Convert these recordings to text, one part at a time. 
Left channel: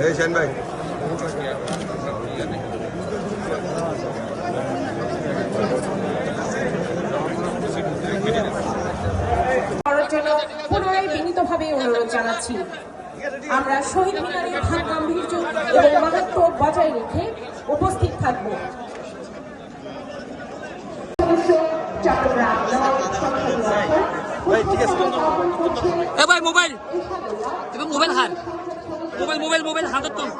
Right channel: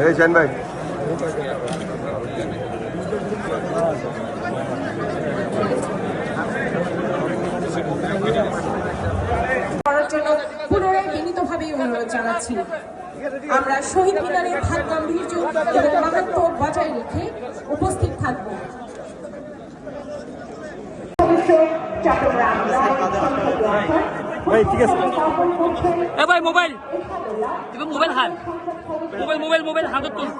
এই শান ভাই করার জন্য পুনরায় বিনীতভাবে অনুরোধ জানাচ্ছি। আমরা শহীদ মিনারের ভাব গাম্ভীর্য এবং মাহাত্ম্য বজায় রেখে উপস্থিত থাকব। ভাই মোবাইল তুমি মোবাইল হাত মোবাইল হাতত তুল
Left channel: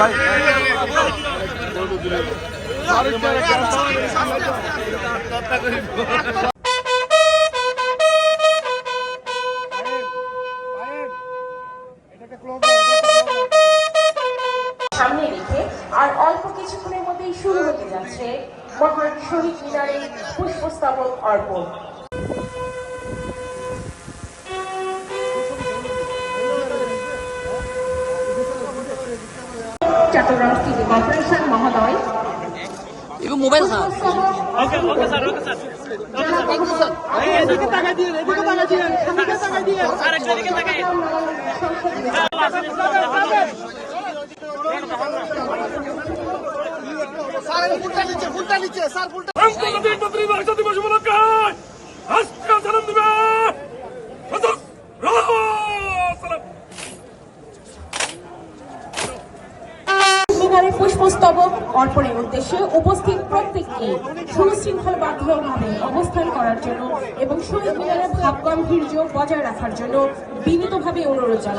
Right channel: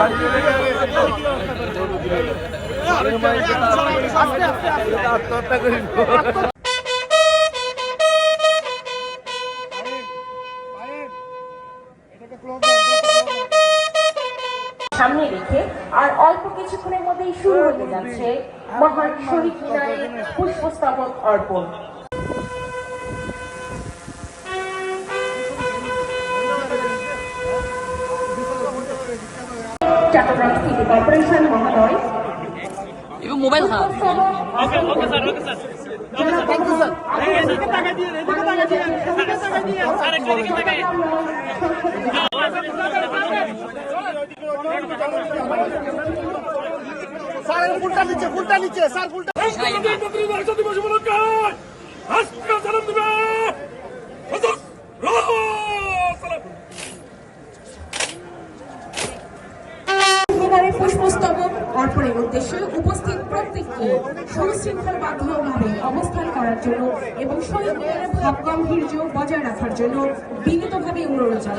ভাই সামনে রেখে আর অল্প কিছুক্ষণের মধ্যেই শুরু হতে যাচ্ছে মহান শহীদ মিনারের পুষ্পস্তবক অর্পণ। চট্টগ্রাম সিটি কর্পোরেশন মহোদয় মোবাইল হাত পুষ্পস্তবক অর্পণের উদ্দেশ্যে উপস্থিত প্রত্যেককে সুশৃঙ্খলবদ্ধভাবে অবস্থান করার জন্য এবং শহীদ মিনারের ভাব গাম্ভীর্য বজায় রাখার জন্য বিনীতভাবে অনুরোধ জানাই।